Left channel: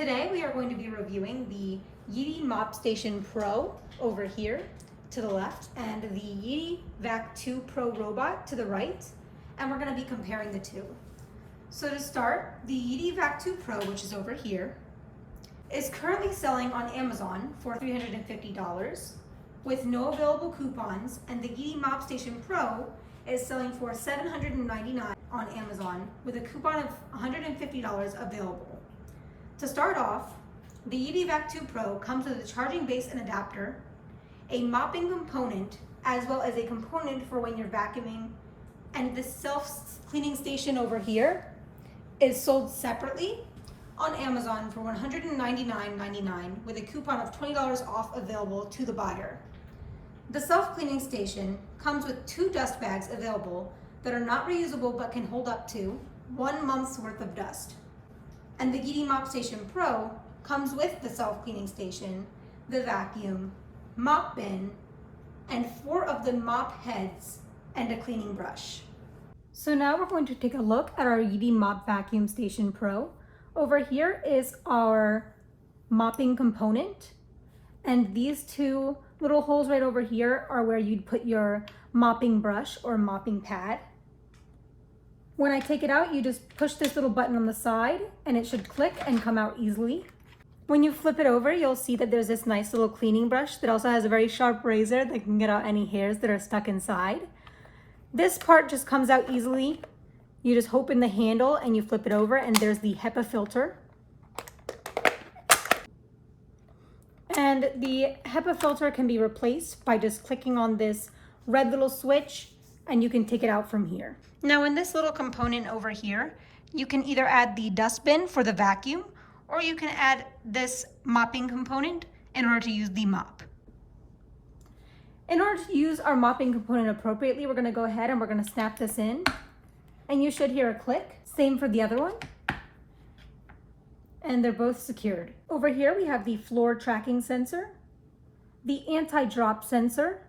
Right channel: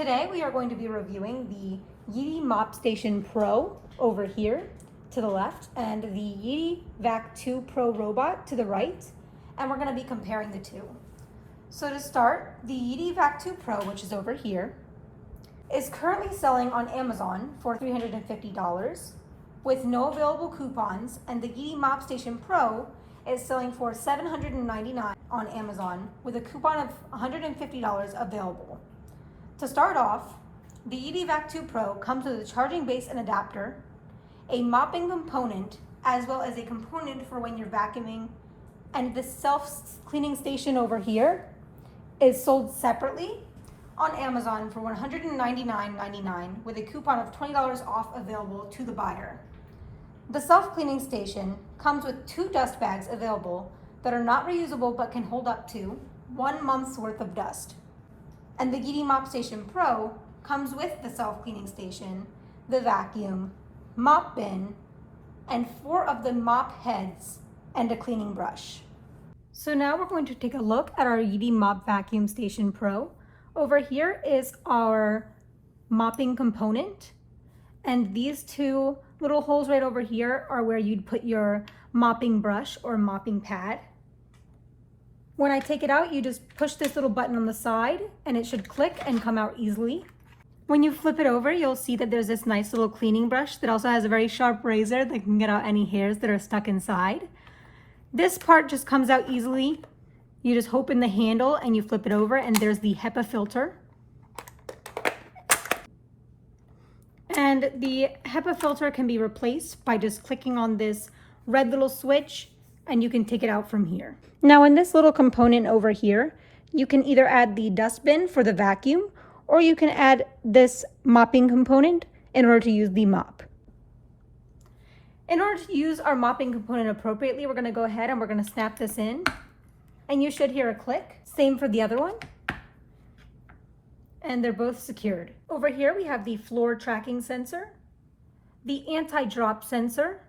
Today we are going to be reviewing the Yeedi Mop Station Pro over here to the left and the Yeedi Vac2 Pro Robot to the right, and we're going to be comparing the two. So to start, the Yeedi Vac2 Pro, which is over here, is currently selling on Amazon for $350 with no available coupons, and the Yeedi Mop Station Pro is selling for $799 on Amazon with a coupon of $150 available. To start off, the Yeedi Vac2 Pro comes with a charging base and adapter, a mopping component, as well as a component for when you're vacuuming, and the self-cleaning station over here is sold separately on Amazon for $199.99 with a coupon of $20 off available to the buyer. The self-cleaning station comes with 2 dust bags available that are not reusable but can hold up to 1 month's worth of dust. And the Yeedi Mop Station Pro comes with the self-cleaning station, the vacuum, mop bin, and 4 of the mop heads and a cleaning brush. So now we're going to take a look at our Yeedi Mop Vacuum Station Pro. Over here is our mopping component, and these 2 little holes right over here are where you'd put your mopping brush or mopping pad. When I take it out, you just push this little button on the side and it should click and come out easily. When you flip it over, you'll see that there's this nice little cleaning brush that also has a very sharp razor that can get out any hairs that are stuck inside. This part just comes out easily. You just open the handle and you flip it over, and there's the HEPA filter. And the HEPA filter can be replaced by just clicking on this red little switch, and you can take it out from here. Now in this little component over here, you can either add the dustbin for the vacuum, or you can add this mopping component in order to use the mop. In order to use our mopping component appropriately, we're going to go ahead and we're going to snap this in, and you should hear a click. Same for the other one. And they're both secured. Over here we have the floor tracking sensor, the anti-drop sensor,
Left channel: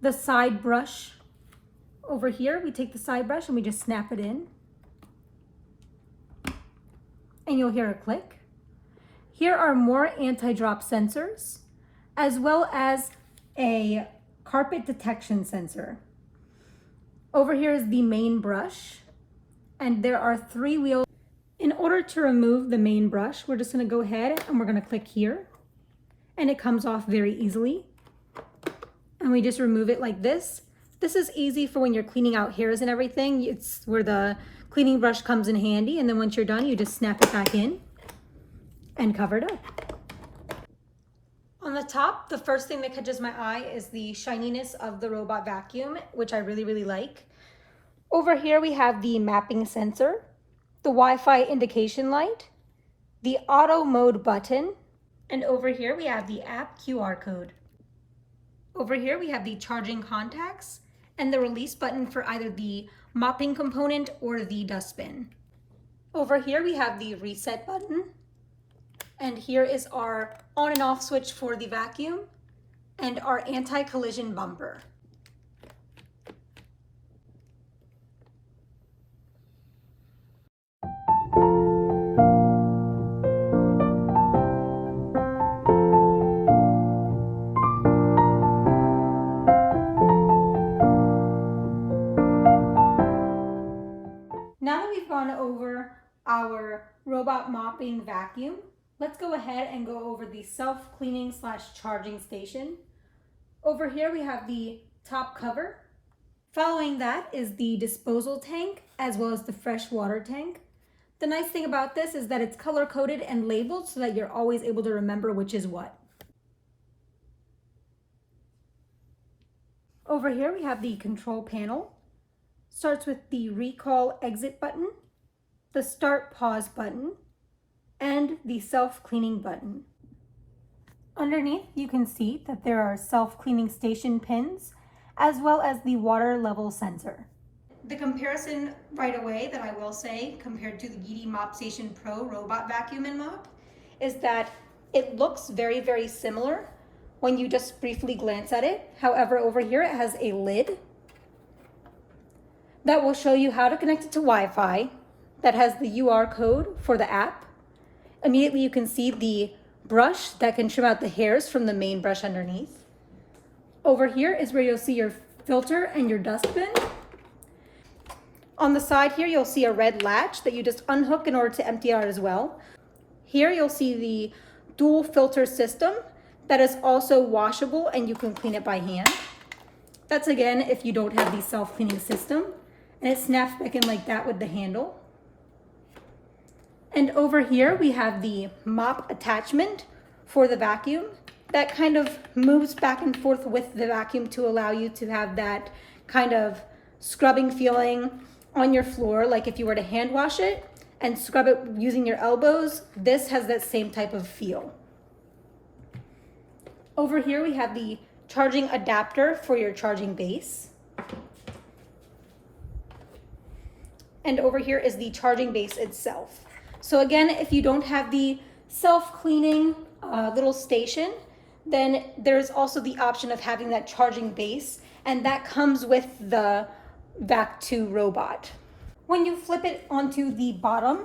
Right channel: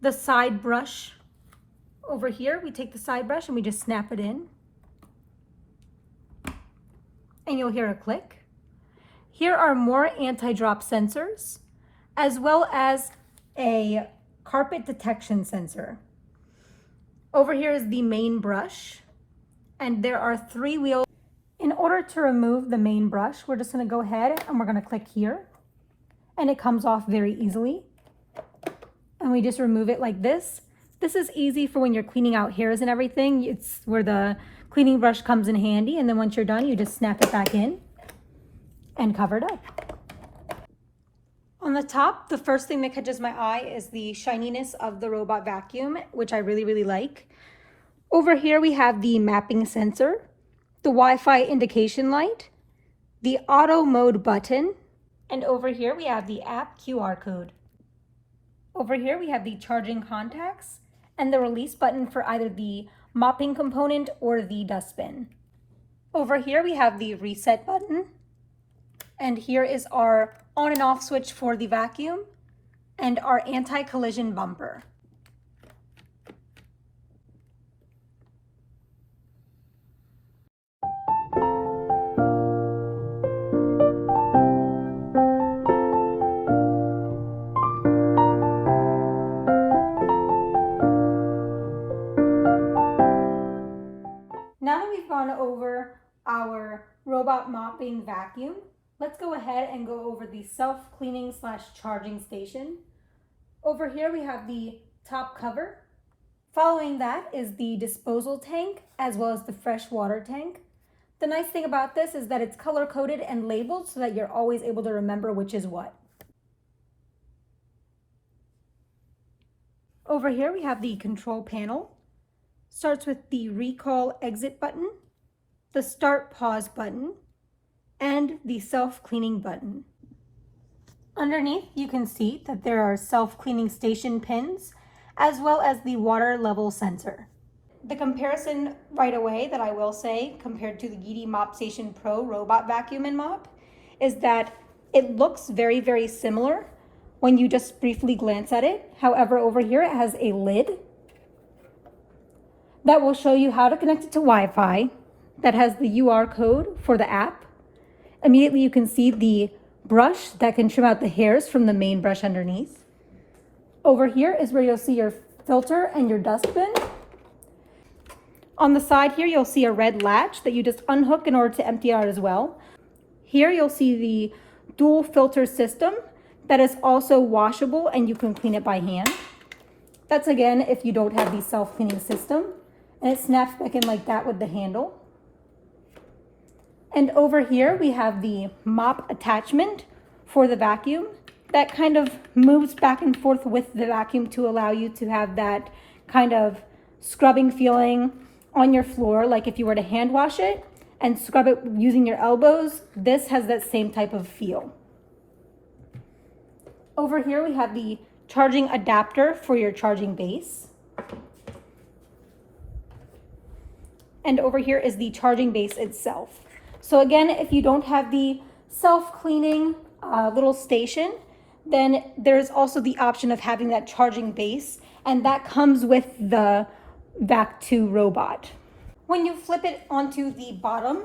the side brush. Over here we take the side brush and we just snap it in, and you'll hear a click. Here are more anti-drop sensors, as well as a carpet detection sensor. Over here is the main brush, and there are 3 wheels. In order to remove the main brush, we're just going to go ahead and we're going to click here, and it comes off very easily, and we just remove it like this. This is easy for when you're cleaning out hairs and everything. It's where the cleaning brush comes in handy, and then once you're done, you just snap it back in and cover it up. On the top, the first thing that catches my eye is the shininess of the robot vacuum, which I really like. Over here we have the mapping sensor, the Wi-Fi indication light, the auto mode button, and over here we have the app QR code. Over here we have the charging contacts and the release button for either the mopping component or the dustbin. Over here we have the reset button, and here is our on and off switch for the vacuum and our anti-collision bumper. Now that we've gone over our robot mopping vacuum, let's go ahead and go over the self-cleaning / charging station. Over here we have the top cover. Following that is the disposal tank, as well as the fresh water tank. The nice thing about this is that it's color-coded and labeled so that you're always able to remember which is what. Over here we have the control panel. Starts with the recall exit button, the start pause button, and the self-cleaning button. Underneath you can see that there are self-cleaning station pins, as well as the water level sensor. The comparison right away that I will say compared to the Yeedi Mop Station Pro robot vacuum and mop is that it looks very similar when you just briefly glance at it. However, over here it has a lid that will show you how to connect it to Wi-Fi, that has the UR code for the app, Immediately you can see the brush that can trim out the hairs from the main brush underneath. Over here is where you'll see your filter and your dustbin. On the side here, you'll see a red latch that you just unhook in order to empty out as well. Here you'll see the dual filter system that is also washable and you can clean it by hand. That's again if you don't have the self-cleaning system, and it snaps back in like that with the handle. And over here we have the mop attachment for the vacuum that kind of moves back and forth with the vacuum to allow you to have that kind of scrubbing feeling on your floor, like if you were to hand wash it and scrub it using your elbows. This has that same type of feel. Over here we have the charging adapter for your charging base. And over here is the charging base itself. So again, if you don't have the self-cleaning little station, then there's also the option of having that charging base, and that comes with the Vac2 robot. When you flip it onto the bottom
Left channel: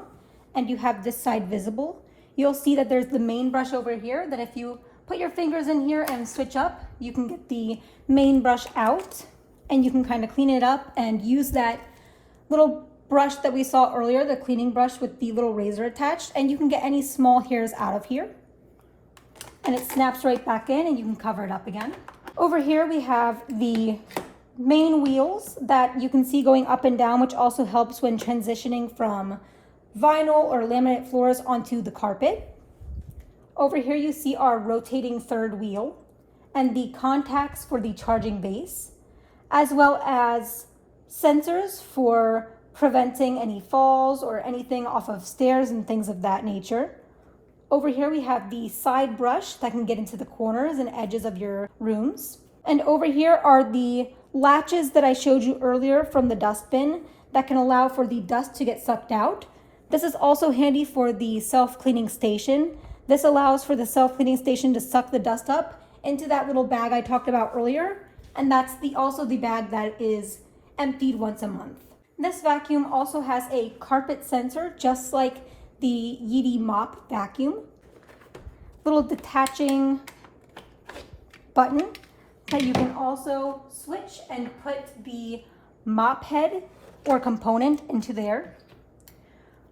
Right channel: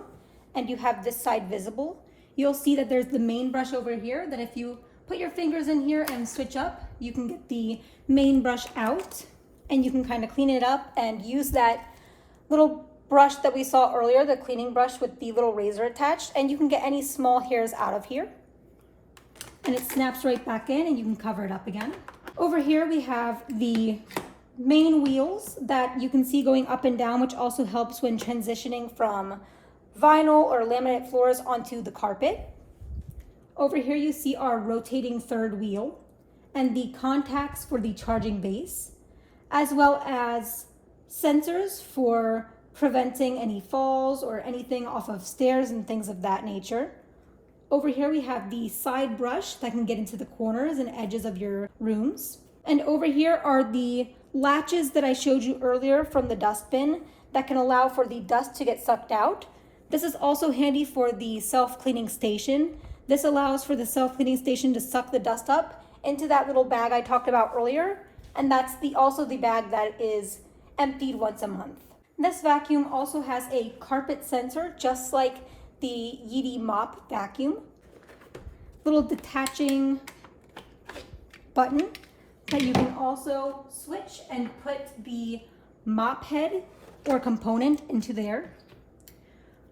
and you have this side visible, you'll see that there's the main brush over here that if you put your fingers in here and switch up, you can get the main brush out and you can kind of clean it up and use that little brush that we saw earlier, the cleaning brush with the little razor attached, and you can get any small hairs out of here. And it snaps right back in and you can cover it up again. Over here we have the main wheels that you can see going up and down, which also helps when transitioning from vinyl or laminate floors onto the carpet. Over here you see our rotating third wheel and the contacts for the charging base, as well as sensors for preventing any falls or anything off of stairs and things of that nature. Over here we have the side brush that can get into the corners and edges of your rooms. And over here are the latches that I showed you earlier from the dustbin that can allow for the dust to get sucked out. This is also handy for the self-cleaning station. This allows for the self-cleaning station to suck the dust up into that little bag I talked about earlier. And that's also the bag that is emptied once a month. This vacuum also has a carpet sensor, just like the Yeedi mop vacuum. Little detaching button that you can also switch and put the mop head or component into there.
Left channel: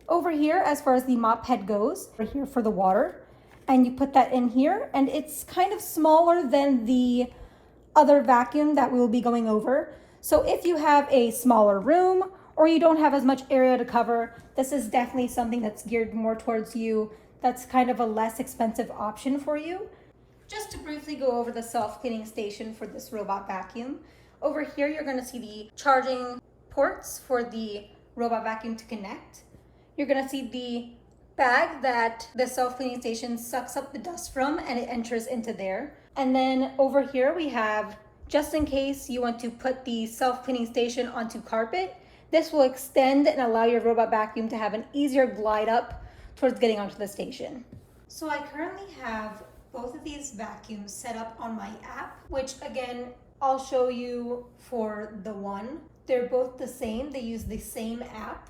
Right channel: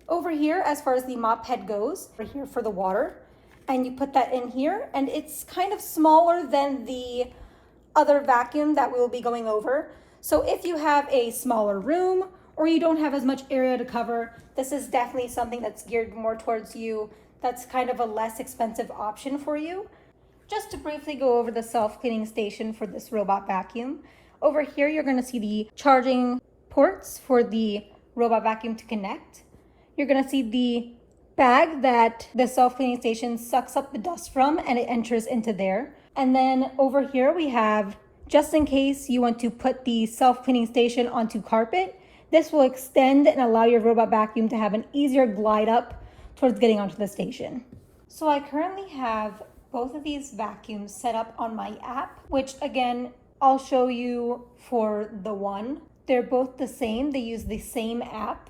Over here, as far as the mop head goes, right here for the water, and you put that in here, and it's kind of smaller than the other vacuum that we will be going over. So if you have a smaller room or you don't have as much area to cover, this is definitely something that's geared more towards you. That's kind of a less expensive option for you. Just to briefly go over the self-cleaning station for this robot vacuum. Over here, you're gonna see the charging ports for the robot vacuum to connect. You're gonna see the bag that the self-cleaning station sucks up the dust from and it enters into there. And then over here we have, just in case you want to put the self-cleaning station onto carpet, this will extend and allow your robot vacuum to have an easier glide up towards getting onto the station. So I currently have both of these vacuums set up on my app, which again, I'll show you for the one. They're both the same, they use the same app.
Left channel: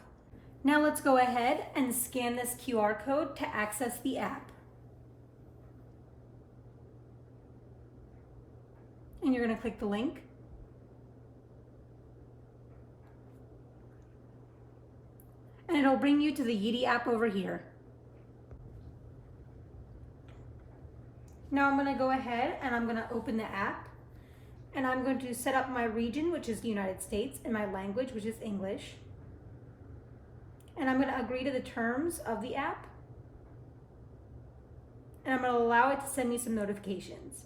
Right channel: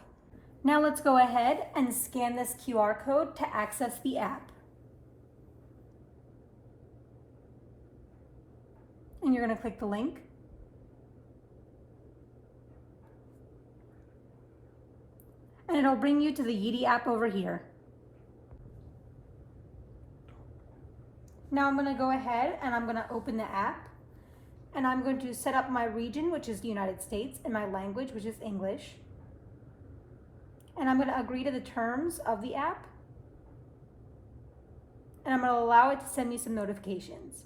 Now let's go ahead and scan this QR code to access the app. And you're gonna click the link. And it'll bring you to the Yeedi app over here. Now I'm gonna go ahead and I'm gonna open the app, and I'm going to set up my region, which is the United States, and my language, which is English. And I'm gonna agree to the terms of the app. And I'm gonna allow it to send me some notifications.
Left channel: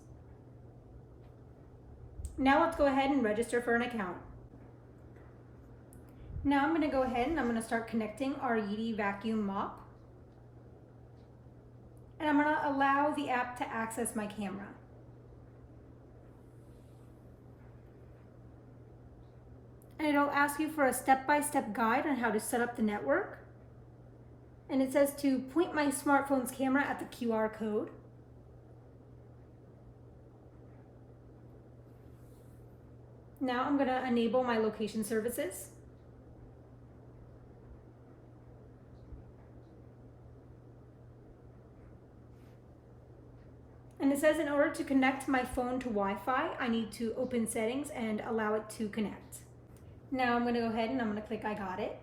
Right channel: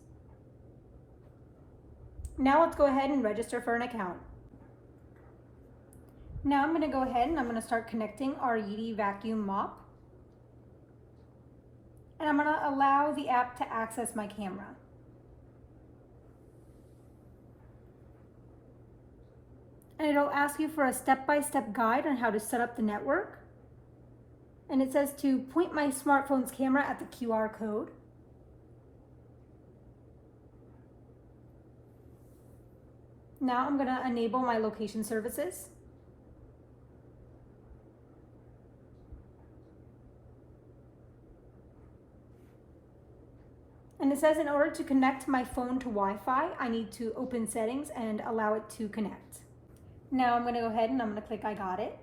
Now let's go ahead and register for an account. Now I'm going to go ahead and I'm going to start connecting our Yeedi vacuum mop. And I'm going to allow the app to access my camera. And it'll ask you for a step-by-step guide on how to set up the network. And it says to point my smartphone's camera at the QR code. Now I'm going to enable my location services. And it says in order to connect my phone to Wi-Fi, I need to open settings and allow it to connect. Now I'm gonna go ahead and I'm gonna click I got it.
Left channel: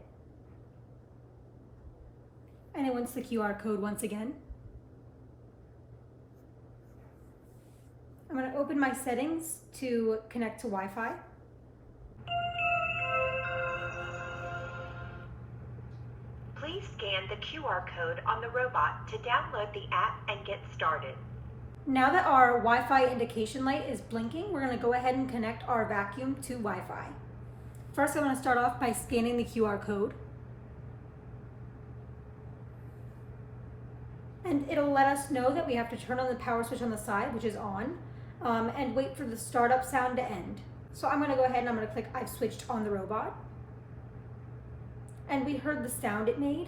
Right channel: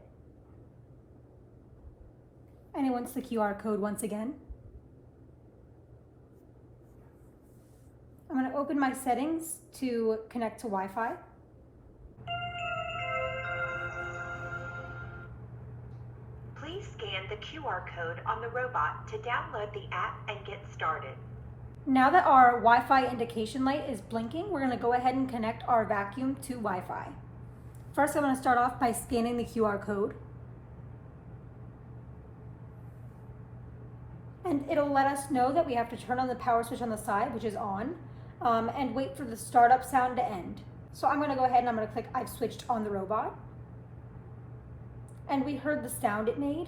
And it wants the QR code once again. I'm gonna open my settings to connect to Wi-Fi. Please scan the QR code on the robot to download the app and get started. Now that our Wi-Fi indication light is blinking, we're gonna go ahead and connect our vacuum to Wi-Fi. First, I'm gonna start off by scanning the QR code. And it'll let us know that we have to turn on the power switch on the side, which is on, and wait for the startup sound to end. So I'm gonna go ahead and I'm gonna click I've switched on the robot. And we heard the sound it made.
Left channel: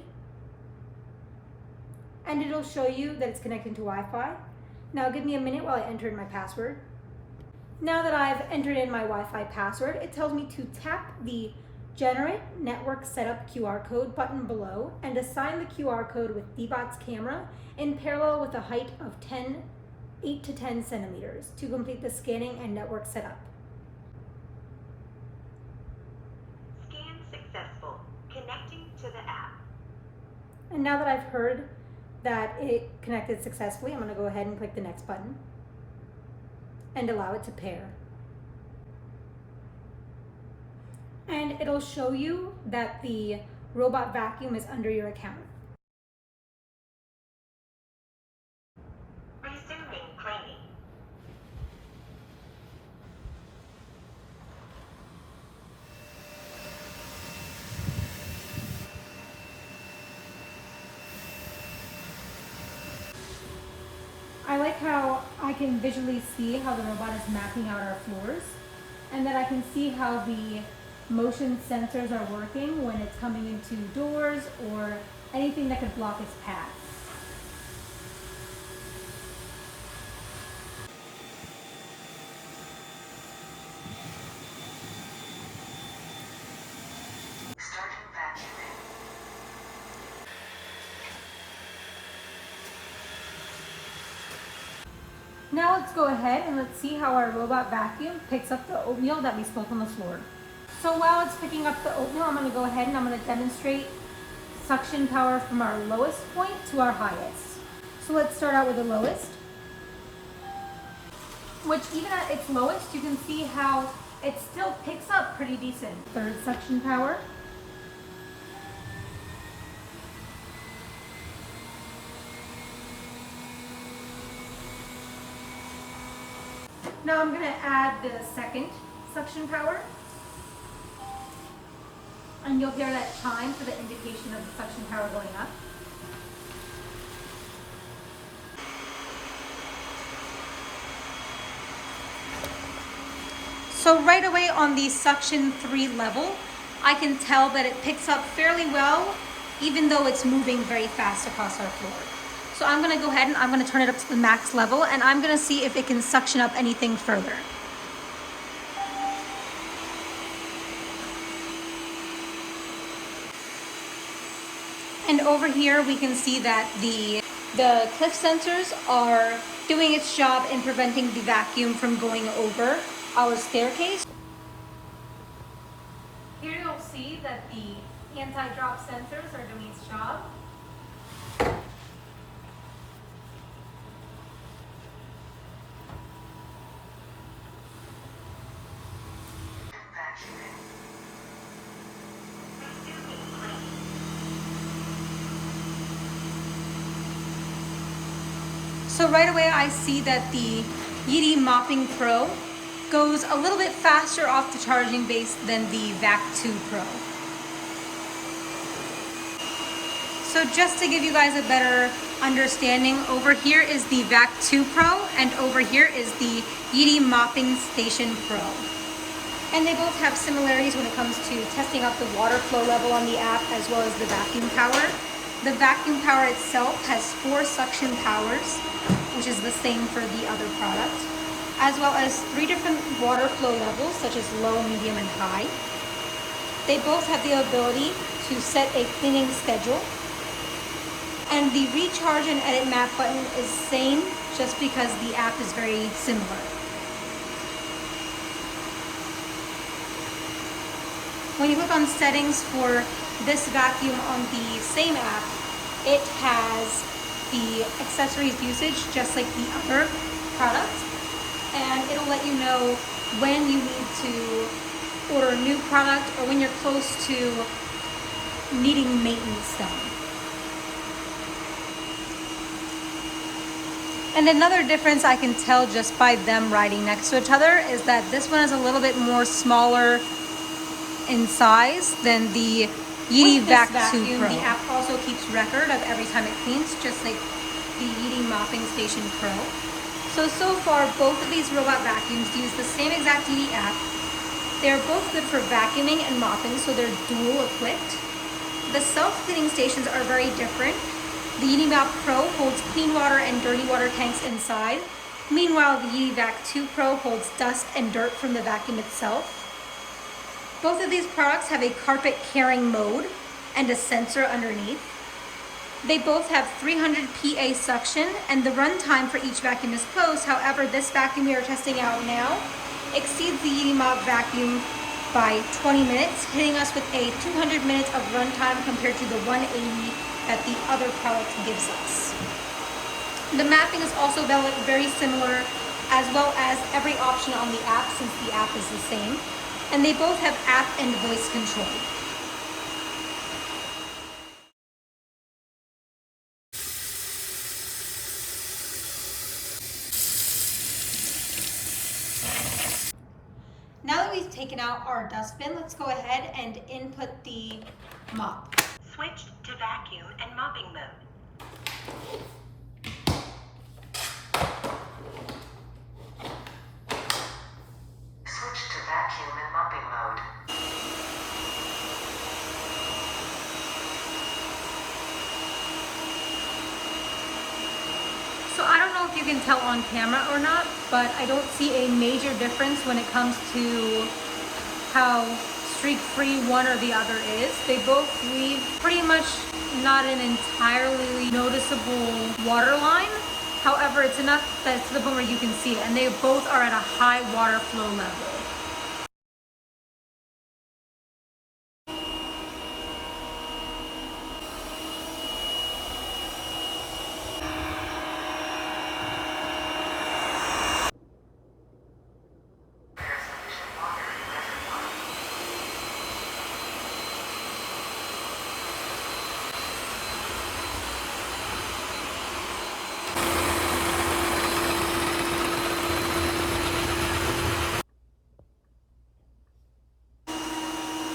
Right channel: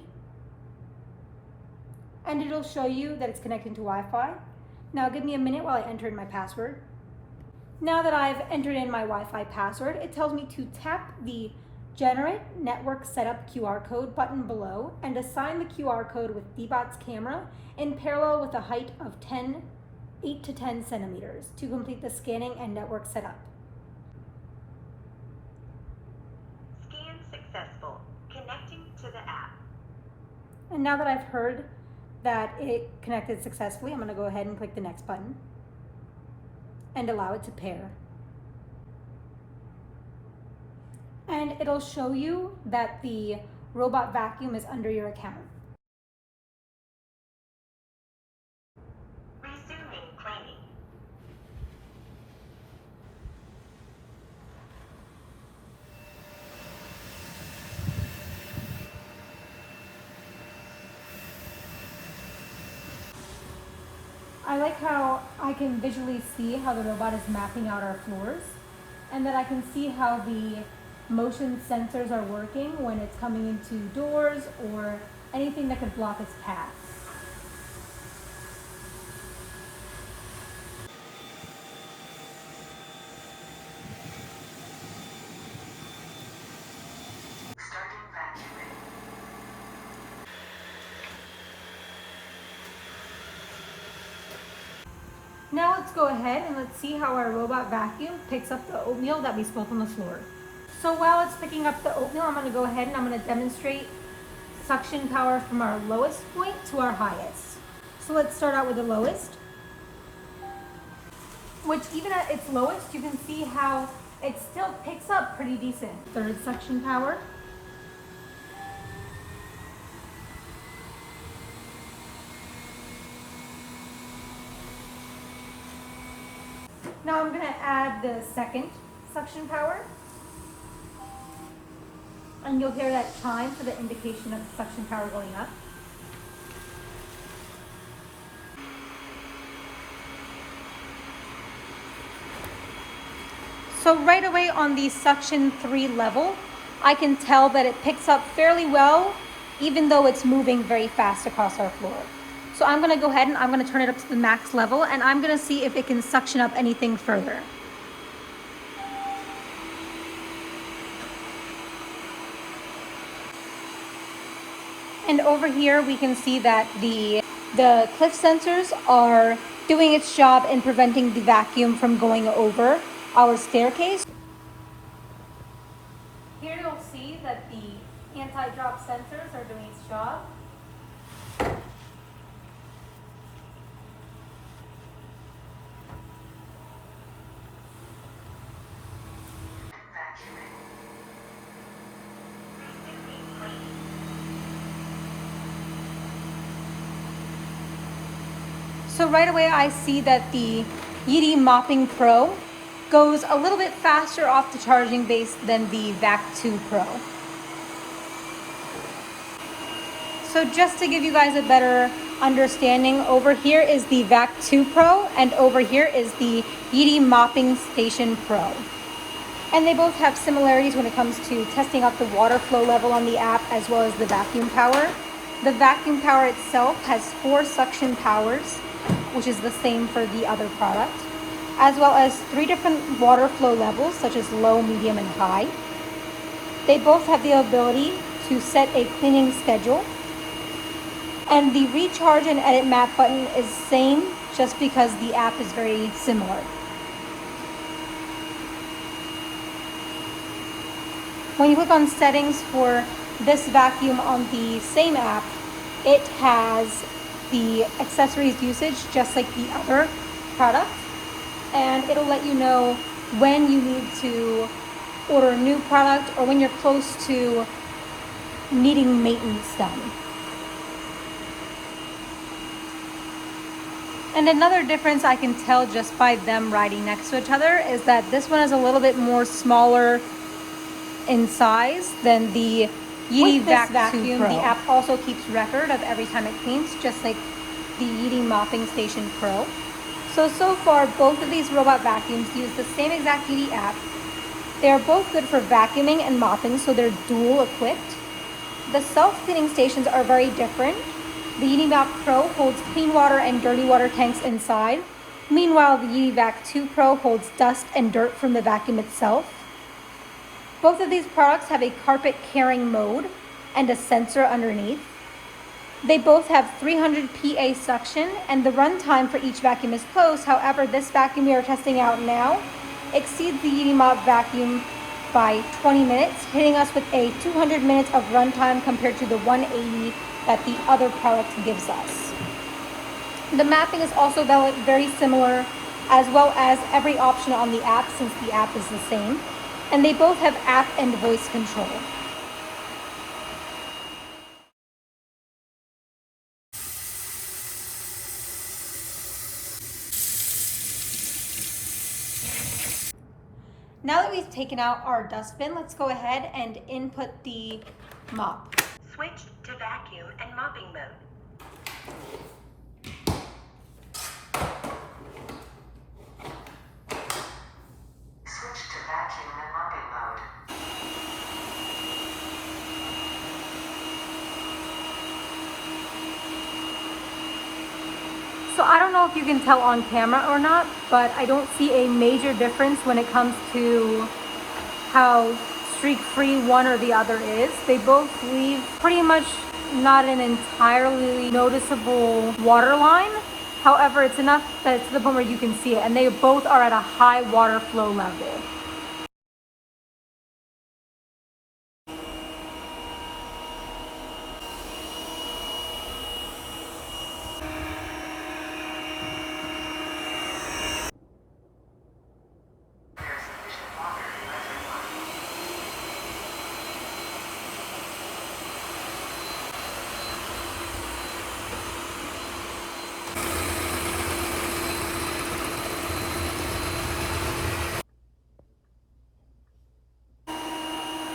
And it'll show you that it's connecting to Wi-Fi. Now give me a minute while I enter in my password. Now that I've entered in my Wi-Fi password, it tells me to tap the Generate Network Setup QR code button below and assign the QR code with Dbot's camera in parallel with a height of 8 to 10 centimeters to complete the scanning and network setup. Scan successful. Connecting to the app. And now that I've heard that it connected successfully, I'm going to go ahead and click the next button and allow it to pair. And it'll show you that the robot vacuum is under your account. Resuming cleaning. I like how I can visually see how the robot is mapping out our floors, and that I can see how the motion sensors are working when it's coming into doors or anything that could block its path. Starting vacuuming. Now let's go ahead and let's see how our robot vacuum picks up the oatmeal that we spilled on the floor. So while it's picking up the oatmeal, I'm going to go ahead and I'm going to demonstrate suction power from our lowest point to our highest. So let's start out with the lowest, which even at its lowest, you can see how it still picks up pretty decent. Third suction power. Now I'm going to add the second suction power. And you'll hear that chime for the indication of the suction power going up. So right away on the suction 3 level, I can tell that it picks up fairly well, even though it's moving very fast across our floor. So I'm gonna go ahead and I'm gonna turn it up to the max level, and I'm gonna see if it can suction up anything further. And over here we can see that the cliff sensors are doing its job in preventing the vacuum from going over our staircase. Here you'll see that the anti-drop sensors are doing its job. So right away I see that the Yeedi Mopping Pro goes a little bit faster off the charging base than the Vac2 Pro. So just to give you guys a better understanding, over here is the Vac2 Pro and over here is the Yeedi Mopping Station Pro. And they both have similarities when it comes to testing out the water flow level on the app as well as the vacuum power. The vacuum power itself has 4 suction powers, which is the same for the other product, as well as 3 different water flow levels, such as low, medium, and high. They both have the ability to set a cleaning schedule. And the recharge and edit map button is the same, just because the app is very similar. When you click on settings for this vacuum on the same app, it has the accessories usage just like the other product, and it'll let you know when you need to order a new product or when you're close to needing maintenance done. And another difference I can tell just by them riding next to each other is that this one is a little bit more smaller in size than the Yeedi Vac 2 Pro. The app also keeps record of every time it cleans, just like the Yeedi Mopping Station Pro. So far, both of these robot vacuums use the same exact Yeedi app. They are both good for vacuuming and mopping, so they're dual equipped. The self-cleaning stations are very different. The Yeedi Mop Pro holds clean water and dirty water tanks inside. Meanwhile, the Yeedi Vac 2 Pro holds dust and dirt from the vacuum itself. Both of these products have a carpet carrying mode and a sensor underneath. They both have 300 PA suction, and the runtime for each vacuum is close. However, this vacuum we are testing out now exceeds the Yeedi Mop vacuum by 20 minutes, hitting us with a 200 minutes of runtime compared to the 180 that the other product gives us. The mapping is also very similar, as well as every option on the app, since the app is the same. And they both have app and voice control. Now that we've taken out our dustbin, let's go ahead and input the mop. Switch to vacuum and mopping mode. Switch to vacuum and mopping mode. So I don't know if you can tell on camera or not, but I don't see a major difference when it comes to how streak-free one or the other is. They both leave pretty much not an entirely noticeable water line. However, it's enough that it's to the point where you can see it, and they both are at a high water flow level.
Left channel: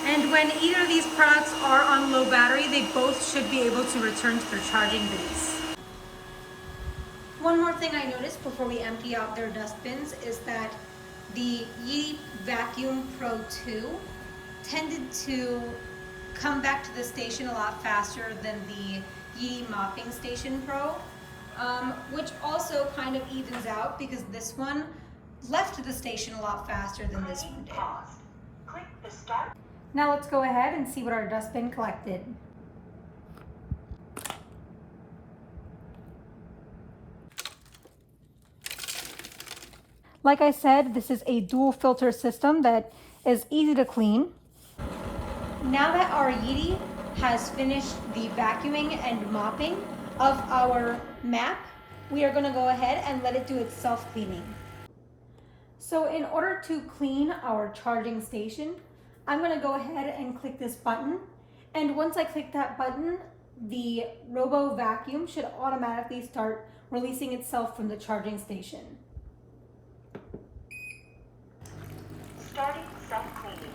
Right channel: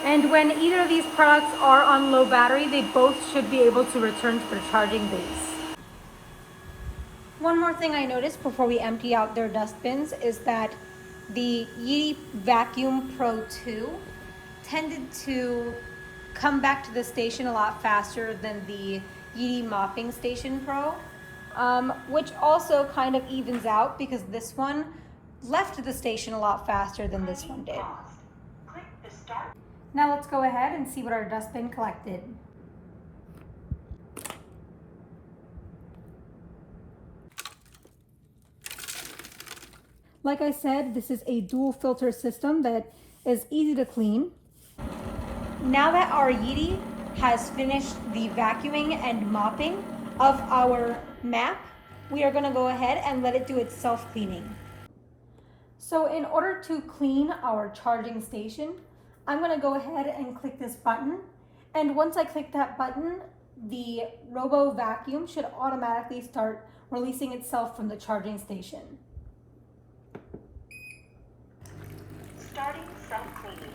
And when either of these products are on low battery, they both should be able to return to their charging base. One more thing I noticed before we empty out their dustbins is that the Yeedi Vacuum Pro 2 tended to come back to the station a lot faster than the Yeedi Mopping Station Pro, which also kind of evens out because this one left the station a lot faster than this one did. Click the start. Now let's go ahead and see what our dustbin collected. Like I said, this is a dual filter system that is easy to clean. Now that our Yeedi has finished the vacuuming and mopping of our map, we are going to go ahead and let it do its self-cleaning. So in order to clean our charging station, I'm going to go ahead and click this button, and once I click that button, the Robo Vacuum should automatically start releasing itself from the charging station. Starting self-cleaning.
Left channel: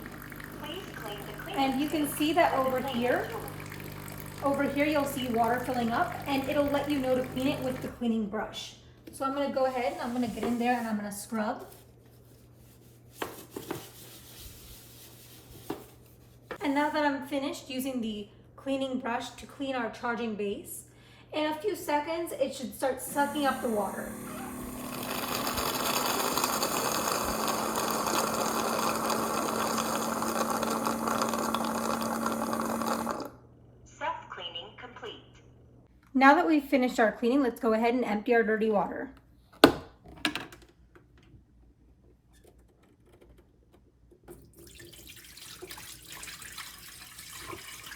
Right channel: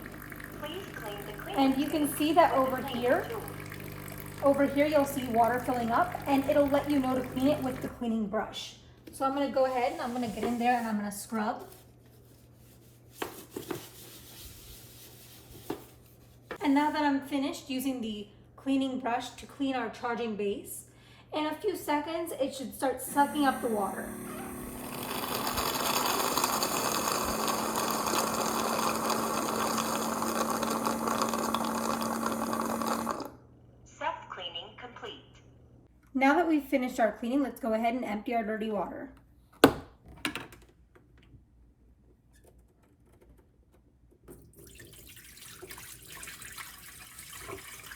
Please clean the cleaning. And you can see that over here you'll see water filling up, and it'll let you know to clean it with the cleaning brush. So I'm going to go ahead and I'm going to get in there and I'm going to scrub. And now that I'm finished using the cleaning brush to clean our charging base, in a few seconds it should start sucking up the water. Now that we've finished our cleaning, let's go ahead and empty our dirty water.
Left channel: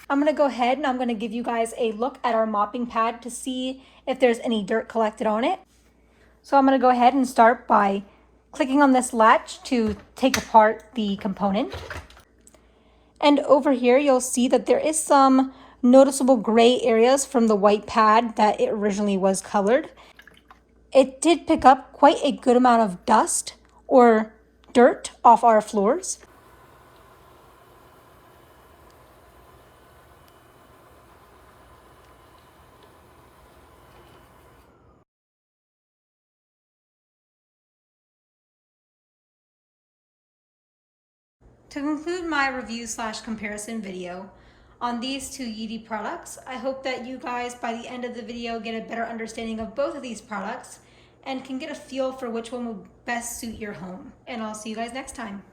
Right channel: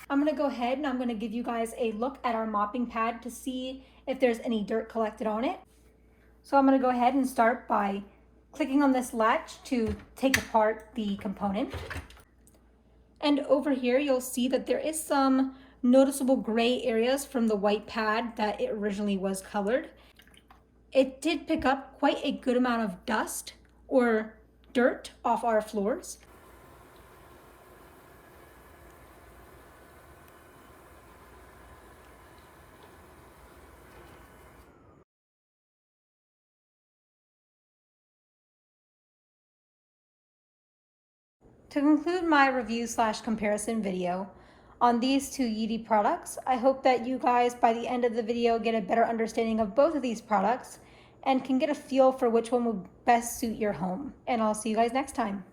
I'm gonna go ahead and I'm gonna give you guys a look at our mopping pad to see if there's any dirt collected on it. So I'm gonna go ahead and start by clicking on this latch to take apart the component. And over here, you'll see that there is some noticeable gray areas from the white pad that it originally was colored. It did pick up quite a good amount of dust or dirt off our floors. To conclude my review/comparison video on these two Yeedi products, I hope that you guys by the end of the video get a better understanding of both of these products and can get a feel for which one will best suit your home. And I'll see you guys next time.